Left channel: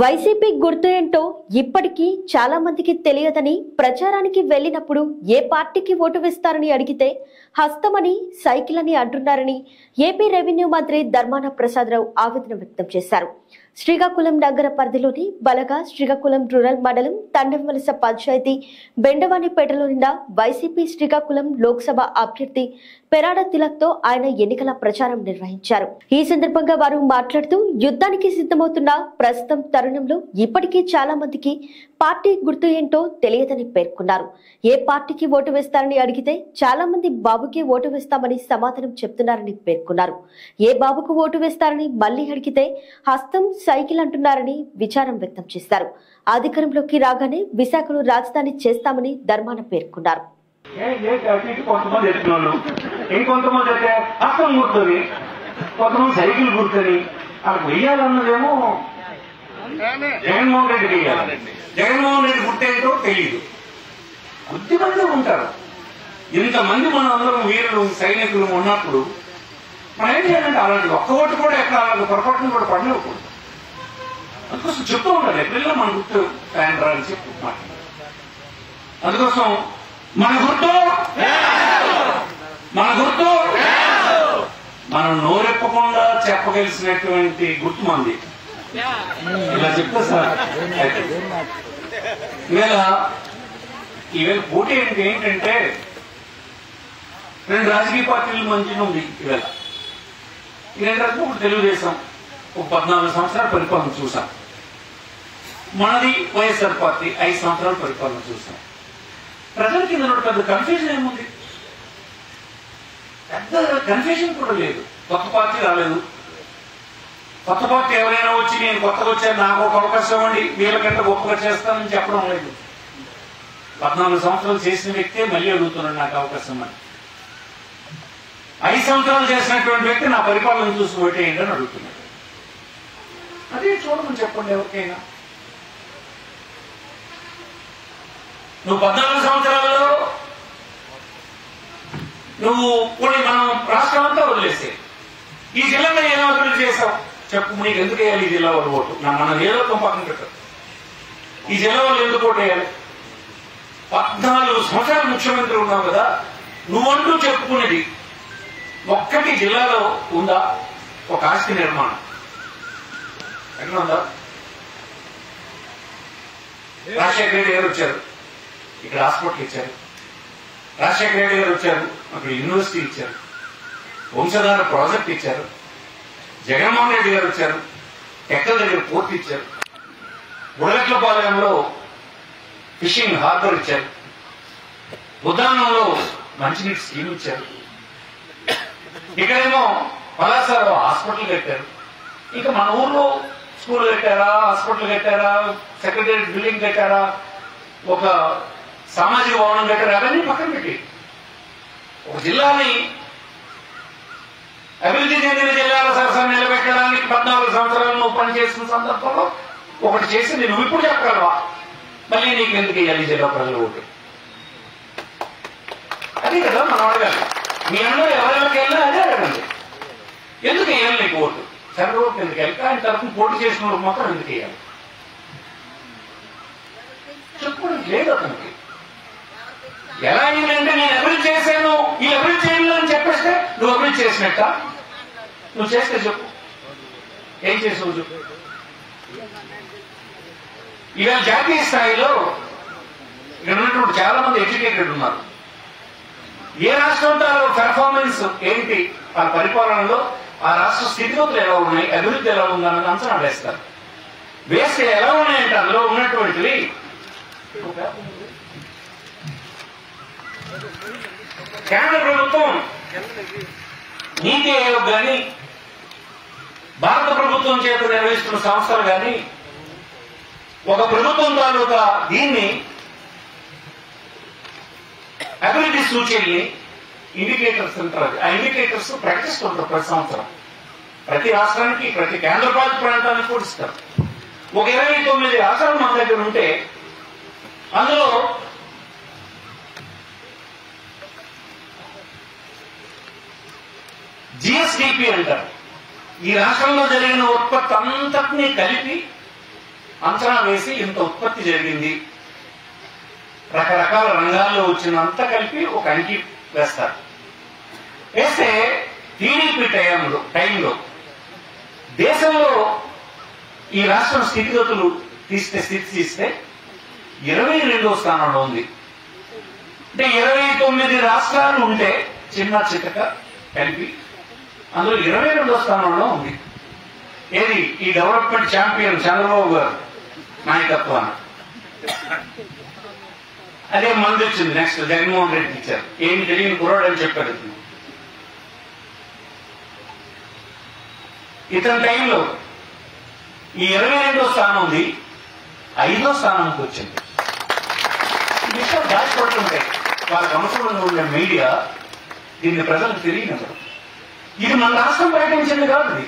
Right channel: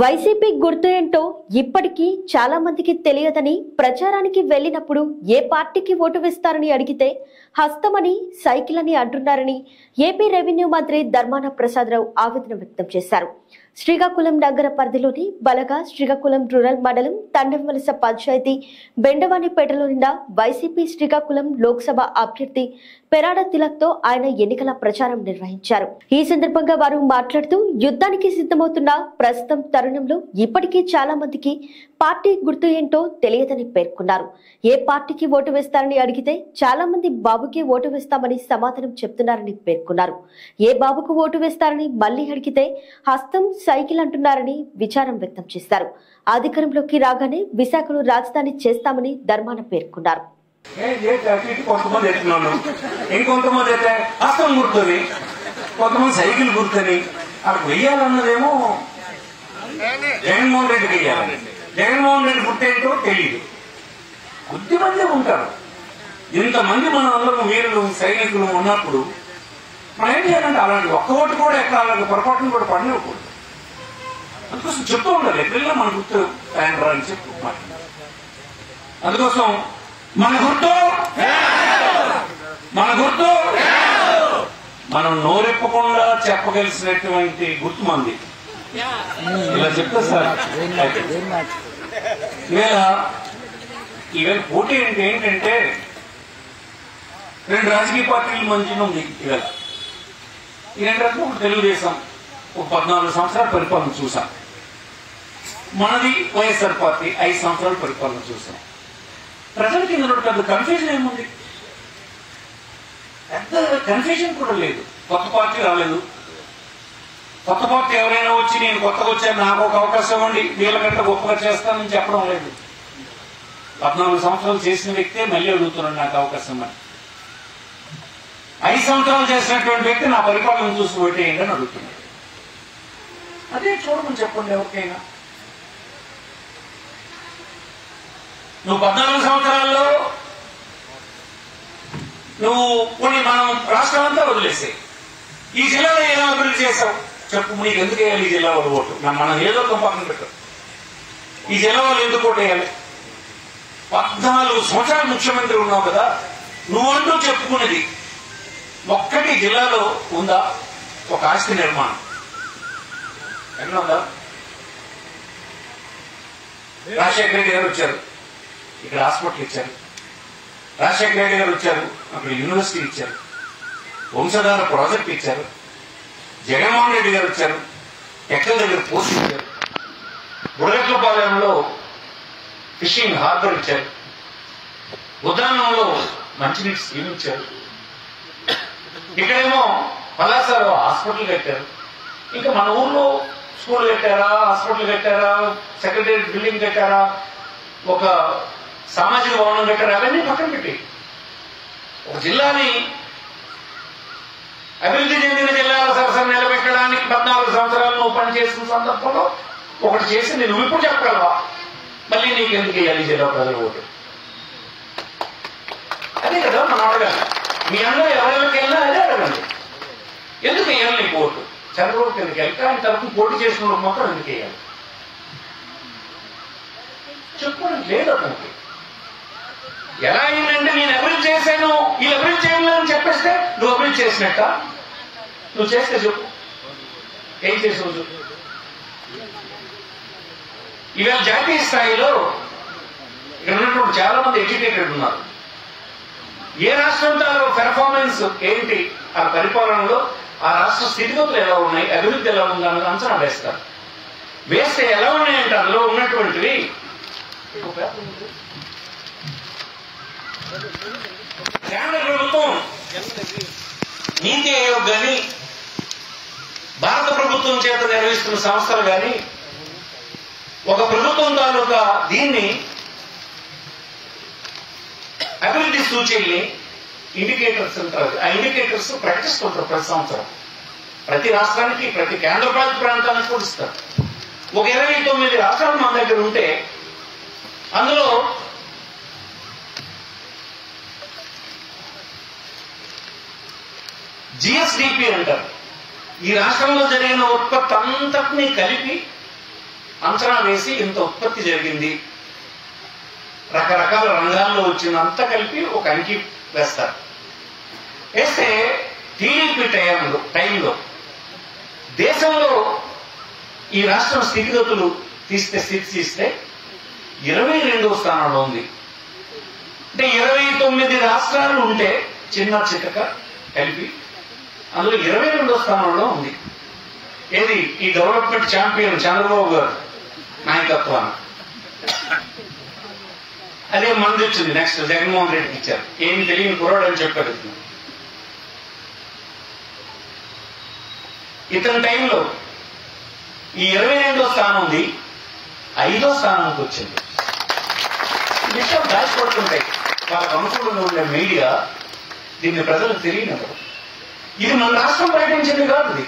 YCP గుర్తు ఏంటో ఇప్పటికీ చాలా మందికి తెలియదని ప్రచారానికి వెళ్లినప్పుడు ఏ పార్టీకి ఓటు వేస్తారని అడిగితే హస్తమని సైకిల్ అని అంటున్నారని ఏపీ రెవెన్యూ మంత్రి ధర్మాన ప్రసాదరావు ఆవేదన వ్యక్తం చేశారు. శ్రీకాకుళం నగర పరిధిలోని బలగా శ్రీకాకుళం రూరల్ మండలం తండంవలస పంచాయతీ బెండవానిపేటలోని వైసీపీ శ్రీకాకుళం లోక్సభ అభ్యర్థి పెరాడ తిలక్ తో ఆయన ఎన్నికల ప్రచారం నిర్వహించారు. ఈ సందర్భంగా వారు మాట్లాడుతూ యుద్ధానికి సిద్ధమవుతున్న ప్రస్తుతం తరుణంలో ఇప్పటికీ చాలా మందికి పార్టీ గుర్తు ఏంటో తెలియదని పేర్కొన్నారు. ఏ పార్టీకి ఓటు వేస్తారని అడిగితే చాలా మంది బాబుకి ఓటు వేస్తామని సమాధానం చెప్తున్నారని పేర్కొన్నారు. ఏ బాబుకు ఓటు వేస్తారని మళ్లీ అడిగితే హస్తం సైకిల్ అంటున్నారని విచారం వ్యక్తం చేశారు. అధికారంలోకి రాగానే విశాఖను రాజధాని చేస్తామని ధర్మాన పేర్కొన్నారు. ఇంకొంతమంది అయితే హస్తం గుర్తుంది, కొంతమంది సైకిల్ గుర్తుంది. అక్కడ వెయ్యాలన్నదేమో జగన్మోహన్ రెడ్డి వెయ్యాలి. జగన్మోహన్ రెడ్డి గుర్తేంటో తెలీదు. కొద్దిమంది ఉంటారు. ఇంతమంది మన అందరం వీరులు సైనికులు ఉన్నప్పుడు మనం ఏం చేయాలంటే అలాంటి ఒక్క ఓటు కూడా ఎక్కడ అలాంటి పొరపాటును కూడా పడలేకూడదు. అందుకోసం చెప్తూ ఉండాలి, ఎప్పుడైనా మన గుర్తు రా అని చెప్పి మాట్లాడాలి. అందుకోసం మన గుర్తు మనం నోరెప్పకుండా చెప్పగలిసినటువంటి గుర్తు మంది. ఇలా చెప్తా సార్. ఈవేళ పోటీ ఏంటంటే రెండు రాజకీయ పార్టీల మధ్యన ఉంది. ఈవేళ ఏంటంటే ఒక తెలుగుదేశం ఒక 14 సంవత్సరాల పరిపాలన చూసాం. మనది వైఎస్ఆర్ పార్టీ 5 సంవత్సరాల పరిపాలన చూసాం. ప్రజలకి పెద్ద కన్ఫ్యూజన్ ఏముంది? పెద్ద కన్ఫ్యూజన్ కూడా లేదు. కొత్త పార్టీ రాలేదు. కొత్త పార్టీ ఎవరైనా వచ్చి నేను కొత్తగా వచ్చాను, నాకు ఒక అవకాశం ఇవ్వండి, వీళ్ళకంటే గొప్పగా చేస్తానని చెప్పడం లేదు. 14 సంవత్సరాలు చేసిన వ్యక్తే మళ్ళీ అడుగుతున్నాడు నాకు అవకాశం అని. 5 సంవత్సరాలు చేసినటువంటి వ్యక్తి నా పరిపాలన చూసి ఓటేయండి అని అడుగుతున్నాడు. అదే చూడమని చెప్పండి ఎవరికైనా. నువ్వు 14 సంవత్సరాల్లో నువ్వు కొన్ని మనం రాష్ట్రం అంతా వదిలేసే ఈ జిల్లాలో ఏదో అభివృద్ధి చేశావు చెప్పు. నీకు ఎందుకు వేయాలి ఈ జిల్లా వాళ్ళు ఓటు? మనం ఏదో పక్కన పెట్టారు. ఈ జిల్లా వాళ్ళు ఎందుకు ఓటు వేయాలి? 14 సంవత్సరాలు ముఖ్యమంత్రి ఉన్నావు కదా, నువ్వంటూ చెప్పుకునేది ఒక్కటి జిల్లాలో ఉందా? ఒక ఆస్తి నిర్మాణం ఎక్కడ ఉందా? రాజశేఖర రెడ్డి గారు వచ్చారు, ఇక్కడ హాస్పిటల్ ఇచ్చారు. రాజశేఖర రెడ్డి గారు వచ్చారు, అక్కడ యూనివర్సిటీ ఇచ్చారు. వంశధార ప్రాజెక్ట్ ఇచ్చారు. జగన్మోహన్ రెడ్డి గారు వచ్చారు, ఎక్కల దగ్గర పోస్ట్ ఇచ్చారు. బుడగట్లపాలెంలో ఫిషింగ్ హార్బర్ ఇచ్చారు. ఉద్యానంలో మంచినీటి స్కీమ్ ఇచ్చారు. ఇక్కడేమో పలాసలో హాస్పిటల్ కట్టారు. ఇంకా మన ఊర్లో స్కూల్ కట్టారా, హాస్పిటల్ కట్టారా, సెక్రటేరియట్ బిల్డింగ్ కట్టారా, ఒక సామాజిక భవనం కట్టారా, అవన్నీ పక్కన పెట్టి ఒక జిల్లాని అభివృద్ధి చెందిన జిల్లాల సరసన నిలబెట్టడానికి 14 సంవత్సరాలు నువ్వు పనిచేసిన సందర్భంలో ఒకటి చేసి నువ్వు ఇప్పుడు చెప్పగలవా? మళ్ళీ నీకు ఎందుకు వేయాలి జిల్లా ప్రజల ఓటు? అదే కదా మనం అడగాలి. మీ అందరూ ఎవరికి వెళ్ళినా అదే అడగండి. ఎందుకు వేయాలి నీకు ఓటు? చంద్రబాబు ఎందుకు వెళ్ళి ఆయన తరఫున పోటీ చేసిన వాళ్ళు మాత్రం ఎందుకు వేయాలి? చెప్పుకోవడానికి లేదు అతనికి. ఎలా అయిందంటే నేను అభివృద్ధి చేశాను, వీళ్ళు అభివృద్ధి చేయలేదని చెప్పేస్తే నువ్వు అభివృద్ధి చేసినట్ట? నువ్వు చేస్తే చెప్పు, ఏం చేసావు చెప్పు. ఇవాళ జాతీయ స్థాయిలో ఇక్కడ ఉన్నటువంటి చాలా మంది ఎడ్యుకేటెడ్ ఉన్నారు. ఏ రాష్ట్రంతో పెర్ఫార్మెన్స్ ఏంటి, ఆ పరిపాలనలో ఆ రాష్ట్ర స్థితిగతులు ఎలా ఉన్నాయి, అభివృద్ధి ఎలా ఉందా అని అంచనా వేస్తారు. వేస్తే ఎలా ఉన్నాయంటే అందులో ఉన్నటువంటివి కేంద్ర ప్రభుత్వం నీతి ఆయోగ్ కానీ భారత ప్రభుత్వం చేత నిర్వహిస్తున్న సంస్థలు కానీ ఒక ప్రభుత్వం తాలూకా దీన్ని అభివృద్ధి సూచీల్ని ఇండికేటర్స్ అంటారు. ఆ ఇండికేటర్స్ ప్రకటిస్తుంటారు ప్రతి సంవత్సరం. ప్రతి రాష్ట్రానికి, ప్రతి కేంద్రపాలిత ప్రాంతానికి కూడా ఇస్తారు. ఒక 29 రాష్ట్రాలు మన దగ్గర ఉంటే అందులో జిఎస్డిపి అంటారు. ఈ రాష్ట్రంలో జరిగిన ఉత్పత్తి అంతటినీ కలిపి అంచనా వేసి ఇంత ఉత్పత్తి జరిగింది, రకరకాల రంగాల్లో వచ్చినంత కలిపి ఒక అంకి వేస్తారు. వేస్తే టీడీపీ టైంలో దేశంలో ఈ రాష్ట్రం స్థితిగతులు తీస్తే 22వ స్థానంలో ఉంది. అంటే 29 రాష్ట్రాలు ఉంటే చిన్న చితక కలిపి అందులో 22వ స్థానంలో ఉంది. ఏది ఈ డెవలప్మెంట్ ఛాంపియన్ చంద్రబాబు గారు నాయకత్వాన. అదే మంది వచ్చింది. నెక్స్ట్ జగన్మోహన్ రెడ్డికి ఇచ్చారు. ఏమి తెలియని కుర్రాడు అని చెప్పారు. ఇతని టైంలో ఈ 22వ స్థానం ఉంది, 5వ స్థానానికి వచ్చింది. ఈ విషయాలు దాచిపడుతుంటాయి. వాళ్ళకి అనుకూలంగా ఉండే మీడియా దీన్ని ప్రజలకు తెలియనివ్వదు. ఇది మన రాష్ట్రం ప్రకటించింది కాదు, ఇది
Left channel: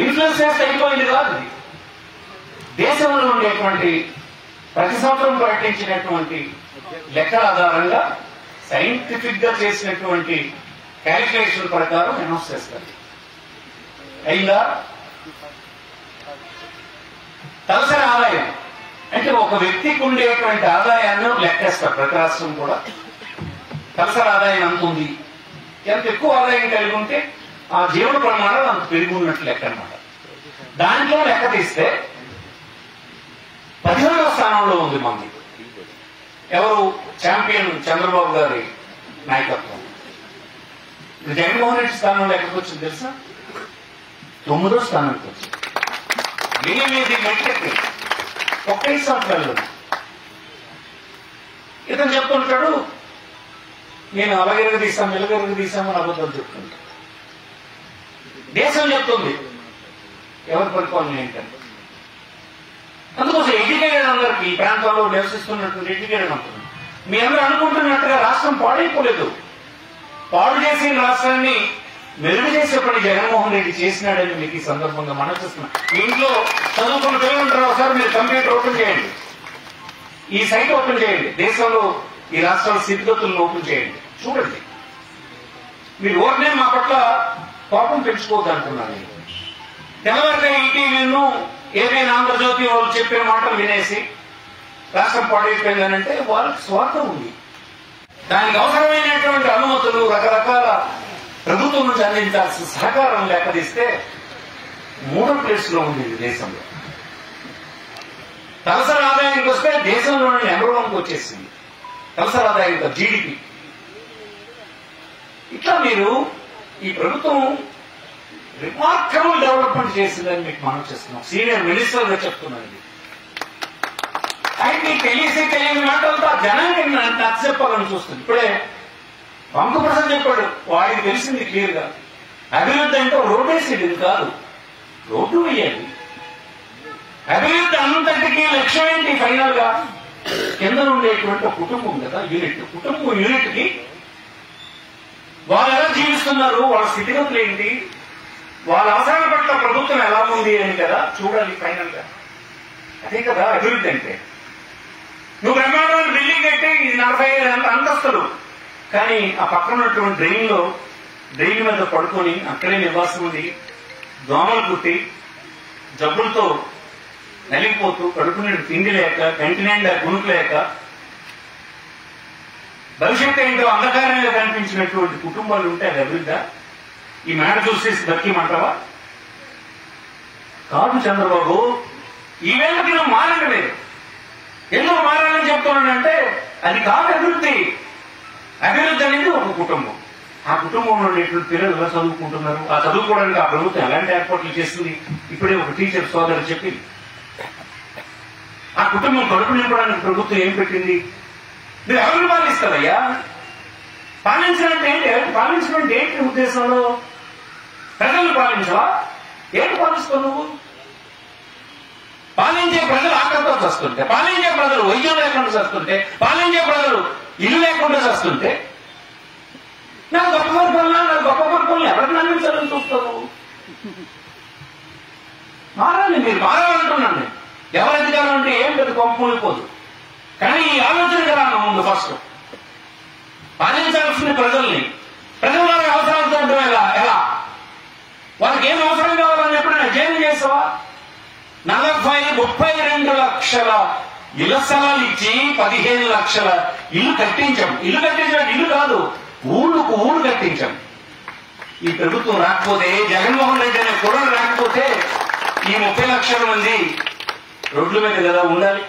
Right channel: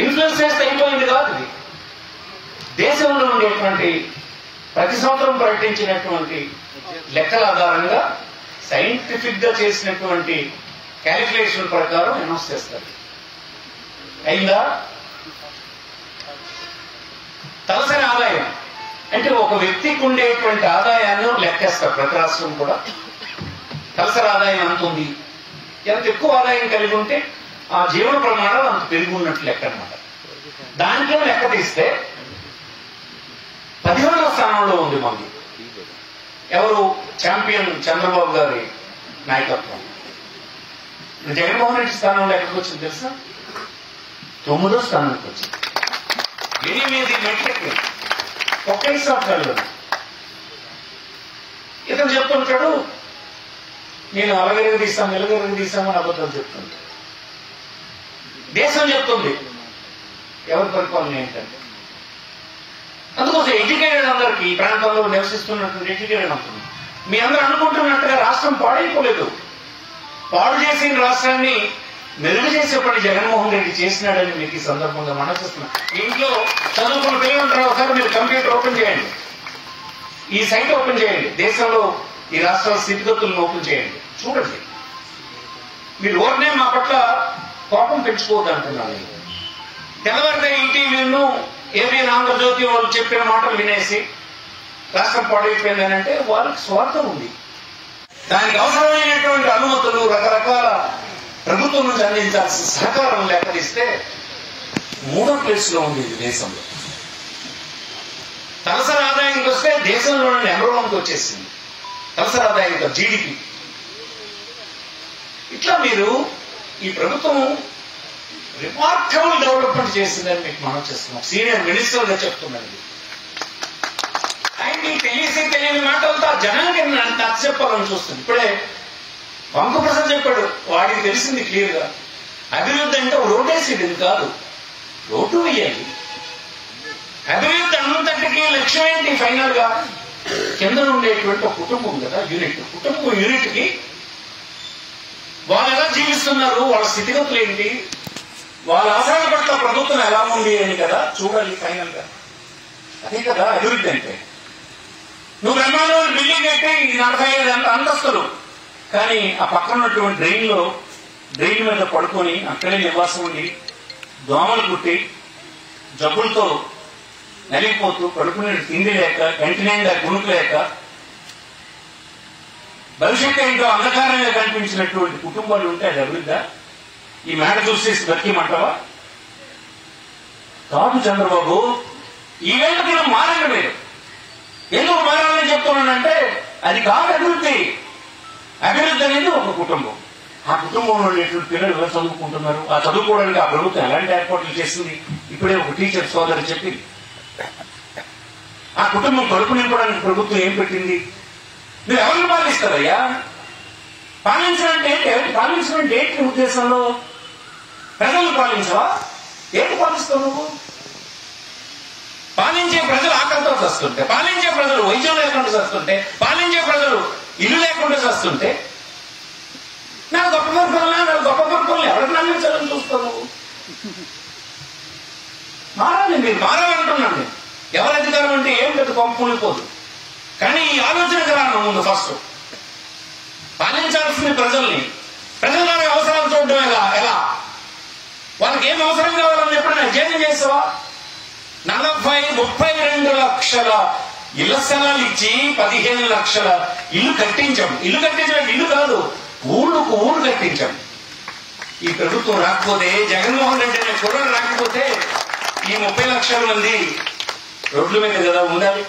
ఇన్ఫ్లుయెన్స్ చేస్తే అయిపోయింది కాదు. ఇది దేశంలో ఉండేటువంటి ప్రతి సంవత్సరం ప్రకటించినటువంటి లెక్కల ఆధారంగా సైంటిఫిక్ గా చేసినటువంటి క్యాలిక్యులేషన్ ప్రకారం అనౌన్స్ చేస్తారు. అయిందా? తలసరి ఆదాయం అంటే ఒక వ్యక్తికి ఉండేటువంటి ఆదాయాన్ని లెక్కేస్తారు. ప్రతి రాష్ట్రం కూడా తలసరి ఆదాయం అంత ఉంది, ఎంత ఎక్కువ ఆదాయం కలిగి ఉంటే ఆ జీవన ప్రమాణాలు అంత పెరిగి ఉన్నట్లు లెక్క అనమాట. దాంట్లో లెక్క తీస్తే 17వ స్థానంలో ఉంది మంది. ఎవరు? ఛాంపియన్ చంద్రబాబు గారి నాయకత్వం. జగన్మోహన్ రెడ్డి స్థానంలో ఎక్కడికి వచ్చింది తెలుసా? 9వ స్థానానికి వచ్చింది. 8 మెట్రిక్ ఒక్క 5 సంవత్సరాలు. ఇతను చెప్తుంటాడు నేను అలగెరుగు తీస్తాను ఎలుగెరుగు తీస్తామని అబద్ధాలు చెప్తుంటా. దేశం చెప్తుంది ఎవరి పరిపాలన ఏంటంటే. అందుకోసం ఎడ్యుకేటెడ్ అందరికి ఈ ప్రాంతంలో నివసిస్తున్నటువంటి ఎడ్యుకేటెడ్ అంటుంది. మీ అందరూ అనుకుంటున్నట్టుగా రాష్ట్రం పాడైపోలేదు. పాడు చేసిన రాష్ట్రాన్ని మెరుగు చేసే పని జగన్మోహన్ రెడ్డి చేసినాడని మీకు ఈ సందర్భంగా మనసిస్తున్నా. మీ ఇంట్లో చదువుకున్న పిల్లలు ఉంటారు, ఒకసారి మీరు కంప్యూటర్ ఓపెన్ చేయండి, ఈ సైట్ ఓపెన్ చేయండి, దేశంలో ఈ రాష్ట్రాల స్థితిగతులను ఓపెన్ చేయండి, చూడండి. మీరు ఓర్నే మా పట్ల కోపం పెంచుకోవద్దు అంటున్నాను. తెల్లవారితే ఈటీవీను ఏపీఎన్ ఆంధ్రజ్యోతి వాళ్ళు చెప్పే మాటలు వినేసి రాష్ట్రం పాడైపోయిందని అంటే వాళ్ళకి స్వార్థం ఉంది. దానికి అవసరమైనటువంటి అనుమతులు రకరకాల ప్రభుత్వం నుంచి అందించాల్సిన సహకారం లేకపోతే 3వ ప్లేస్ లో ఉంది ఇది దేశంలో. తలసరి ఆదాయానికి వస్తే దేశంలోనే నెంబర్ 1కి వచ్చేసింది తలసరి ఆదాయంతో జీడిపి. ఇట్లా మీరు ఈ ప్రభుత్వం రిమార్కబుల్ డెవలప్మెంట్ చేసిందని మీకు మనం చేస్తున్నాం. సీనియర్ మినిస్టర్ గా చెప్తున్నాను. ఆయనకి తెలియని మాటలతో జనానికి నచ్చ చెప్పాలని చూస్తుంది. ఇప్పుడే వంక ప్రసాద్ చెప్పాడు, వాడికి తెలిసింది క్లియర్ గా. అభివృద్ధి అంటే రోడ్డేసేది కాదు, రోడ్డు వేయాలి. అభివృద్ధి అంతటికి లక్ష్యం ఏంటి? ఫైనల్ గా కింద ఉండేటువంటి కుటుంబం కదా, కుటుంబం యూనిట్ కి వాళ్ళు ఎలా జీవిస్తున్నారు, వాళ్ళ స్థితిగతులు ఏంటి, వాళ్ళ అవసరాల పట్ల ప్రభుత్వం ఎలా ఉంది అని కదా చూడాలి ఫైనల్ గా. అదే కదా అభివృద్ధి అంటే. నువ్వు బ్రహ్మాండమైన బిల్డింగ్ అయితే 45 అంతస్తులు, కానీ ఆ పక్కన ఉన్నటువంటి డ్రైన్ మీద పడుకొని అక్కడే నివాసం ఉండి దోమలు కుట్టి జబ్బులతో నలిగిపోతూ కడుపునే తిండి లేక కంటి నిండా కునుకు లేక భవిష్యత్తు ఏంటో అంధకారంగా కనిపించినటువంటి కుటుంబాలు ఉంటే అది అభివృద్ధి. ఈ మేడ చూసేసి బతికిమంటావా? కాదు చంద్రబాబు, ఈ వేళకి మారండి మీరు. ఎందుకు మారాలని చెప్తున్నానంటే అది కాదు అభివృద్ధి. అభివృద్ధి అనేది ఒక కుటుంబం. ఆ కుటుంబంలో ఉండేటువంటి పిల్లలు ఎలా చదువుకుంటున్నారు, ఆ చదువుకోవడానికి ఆ ప్రభుత్వం ఎలాంటి ఏర్పాట్లు చేసింది. ఇప్పుడే ఒక టీచర్ సోదరు చెప్పింది. ఆ కుటుంబం కడుపు నింపడానికి ప్రభుత్వం ఏం పెట్టింది. మీరు ఎవరిని పాలిస్తారయ్యా? పాలించడం ఏంటి ఉద్దేశంలో? ప్రజలను పాలించవా? ఏంటి పాలిస్తావు నువ్వు? పాలించే ప్రజలు ఆకలితో చస్తుంటే, పాలించే ప్రజలు వైద్యం లేకుండా చస్తుంటే, పాలించే ప్రజలు ఇల్లు లేకుండా చస్తుంటే నాకు గొప్ప పరిపాలన ఎవరికి నమ్మించాలని చూస్తారు? మారాలి, మీరు మారాలంటున్నాను నేను. ఎవరి అధికారం అంటే ఏం పెద్ద కొంపూలిపోదు, కానీ ఈ ఆలోచనకు రాను ముందు. ఫస్ట్ పాలించాల్సిన ప్రజల్ని, ప్రజల వారి అవసరాలు చూడడం ఎలా, వాళ్ళకి ఏం అవసరం కావాలని చెప్పి నాకు జైలు చేస్తావా? 32 లక్షల ఇళ్ల స్థలాలు ఇచ్చి 15 లక్షల ఇల్లు కట్టించాం. ఇల్లు కట్టించడం ఇల్లు కాదు, ఊళ్ళకు ఊళ్ళు కట్టించాం. ఈ ప్రభుత్వం రాకపోతే, జగన్మోహన్ రెడ్డి అనే కుర్రలు రాకపోతే ఈ 30 లక్షల మంది రోడ్ల మీద కదా ఉండాలి.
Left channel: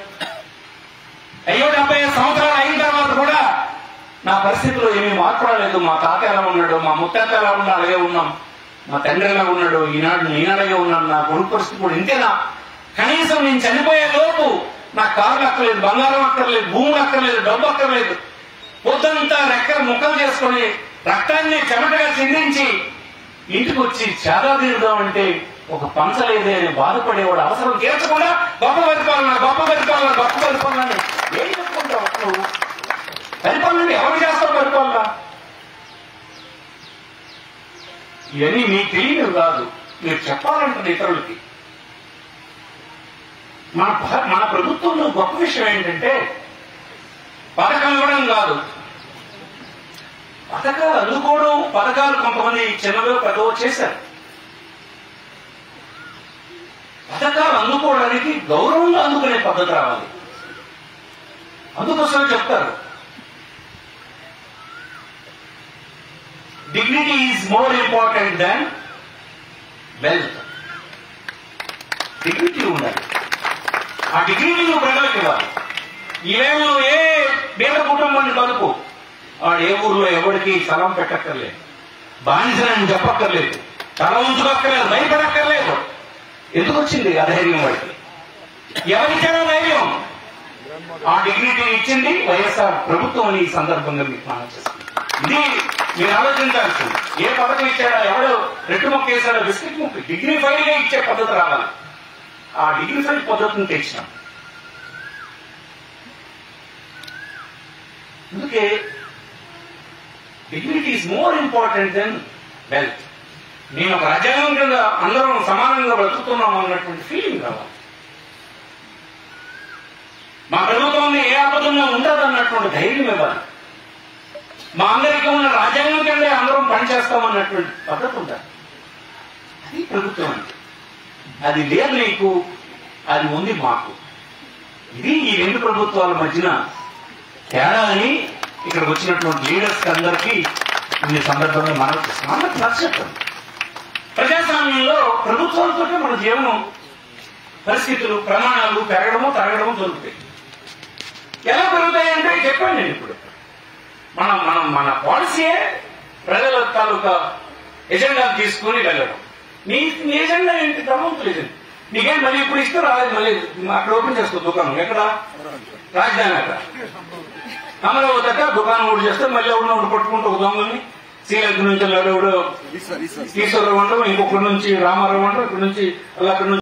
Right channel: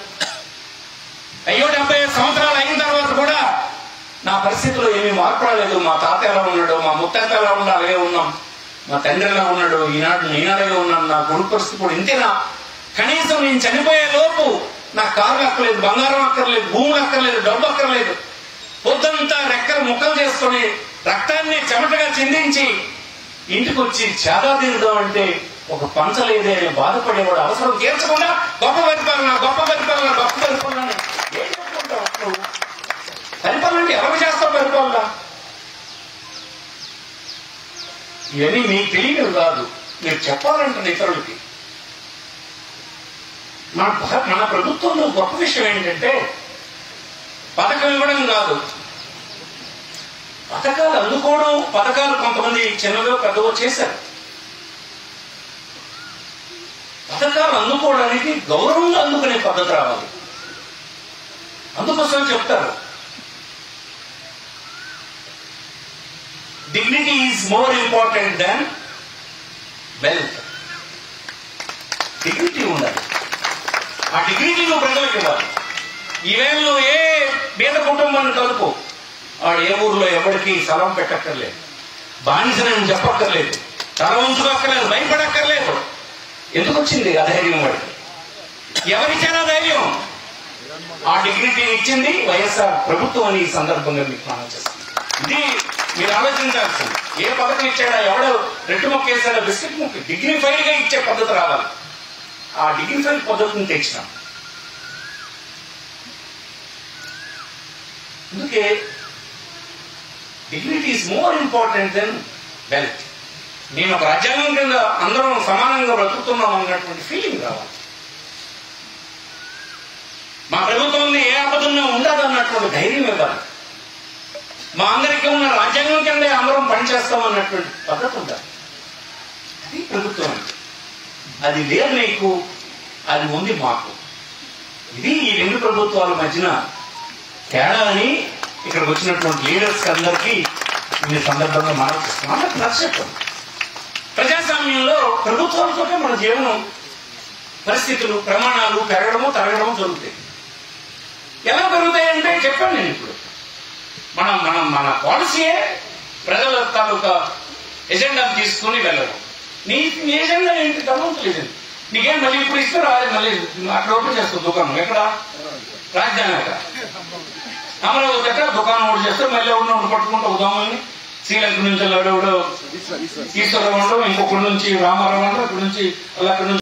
అయ్యో 75 సంవత్సరాలు అయిన తర్వాత కూడా నా పరిస్థితిలో ఏమీ మార్పు రాలేదు. మా తాత ఎలా ఉన్నాడు, మా ముత్తాత ఎలా ఉన్నాడు అలాగే ఉన్నాం, మా తండ్రి ఎలా ఉన్నాడు ఈనాడు నేను అలాగే ఉన్నాను. నా కొడుకు పరిస్థితి కూడా ఇంతేనా? కనీసం నేను చనిపోయే లోపు నాకు కార్లు అక్కర్లేదు, బంగారం అక్కర్లేదు, భూములు అక్కర్లేదు, డబ్బు అక్కర్లేదు. పొద్దంతా రెక్కల ముక్కలు చేసుకుని రక్తాన్ని చెమటగా చిందించి ఇంటికి వచ్చి చాదా తీరుదాం అంటే ఒక పంచలేదే అనే బాధపడేవాడు అవసరం తీర్చకుండా గొప్ప పరిపాలన గొప్ప పరిపాలన గొప్ప పరిపాలన ఏం చెప్పుకుంటావు? నువ్వు పరిపాలన అంటే ఎవరు చేస్తావు? పరిపాలన ఇవన్నీ మీకు తెలియదు కాదు, మీరు చెప్పాలంటున్న ఇతరులకి. మన ప్రభుత్వంలో గొప్ప విషయం ఏంటంటే పథకం ఇవ్వడం కాదు, పథకాలు అందుకోవడం. పథకాలు కొంతమంది చిన్నదో పెద్దవో చేశారు. పథకాలు అందుకోవడానికి గౌరవంగా అందుకునే పద్ధతి రావాలి. అందుకోసం చెప్తారు dignity is more important than wealth. Dignity ఉండాలి, ఆ డిగ్నిటీ నువ్వు ప్రజలకు ఇవ్వాలి. ఈవేళ నువ్వు ఏ పేద కుటుంబాన్ని కలుపు, వాడు ఏ ఊర్లో ఎవరికి స్థలం పెట్టక్కర్లేదు, బానిసనని చెప్పక్కర్లేదు, తల ఉంచుకోక్కర్లేదు, భయపడక్కర్లేదు. ఎందుకు వచ్చింది ఆ ధైర్యం? వాడికి ఎవరిచ్చారా ధైర్యం? ఆ డిగ్నిటీ ఇచ్చింది వైఎస్ఆర్ ప్రభుత్వం అని ఈ సందర్భంగా మీకు మనం చేస్తుంది. ఇది మీరు ఆలోచించాల్సింది. ఏ పథకం ఇచ్చాడా, ఎవడో రెట్టు మొక్క వేసాడో, బిస్కెట్ మొక్క, డిగ్నిఫైడ్ గా ఇచ్చే పద్ధతి రావాలి. ఆ డిగ్నిఫైడ్ పద్ధతిని తెచ్చినాం. అందుకే dignity is more important then wealth. నేను ఒక రాజ్యాంగం కింద అందరం సమానంగా బ్రతుకుతున్నాం అన్నటువంటి ఫీలింగ్ రావాలి. మా ప్రభుత్వం ఏ ఆపదన్నా ఉండదు అన్నటువంటి ధైర్యం ఇవ్వాలి. మా అందరికీ ఉన్న రాజ్యాంగం కింద అందరం పనిచేస్తాం అన్నటువంటి పద్ధతి ఉండాలి. అది ప్రభుత్వం అంటే. అది లేదు నీకు, అది ఉంది మాకు. ఇది ఈ రెండు ప్రభుత్వాల మధ్యన తేడా అని ఇక్కడికి వచ్చినటువంటి లీడర్స్ అందరికీ ఈ సందర్భంగా మాట్లాడుతున్నాం. అందరికి నచ్చటం. ప్రజాస్వామ్యంలో ప్రభుత్వాలతోనే మన జీవనం పరిస్థితులు ప్రమాణాలు పెరగడము తరగడము జరుగుతాయి. ఎలా పెరుగుతాయంటే చెప్పాను నేను ఇప్పుడు. మన పాలసీయే ప్రజల తాలూకా ఎజెండా తీసుకుని వెళ్ళడం. నీ ఎజెండా ఏంటి? ధర్మవంతులు ఎజెండా. నీకేం మళ్ళీ ఇప్పుడు ఇస్తే రాలేదు, మళ్ళీ అక్కడ ఓపెన్ చేసుకో దుకాణం. ఎక్కడ? రాజధాని అక్కడ అమరావతి అక్కడ దుకాణం ఓటు చేస్తే మళ్ళీ ఎవరినోడు పట్టుకుంటూ ఉదాహరణని శ్రీలంక నుంచి ఎవడెవడో ఈశ్వరరావు అంటాం, ఇంకొకటి నుంచి రామారావు అంటాం, ఇక్కడి నుంచి అలా అక్కడి నుంచి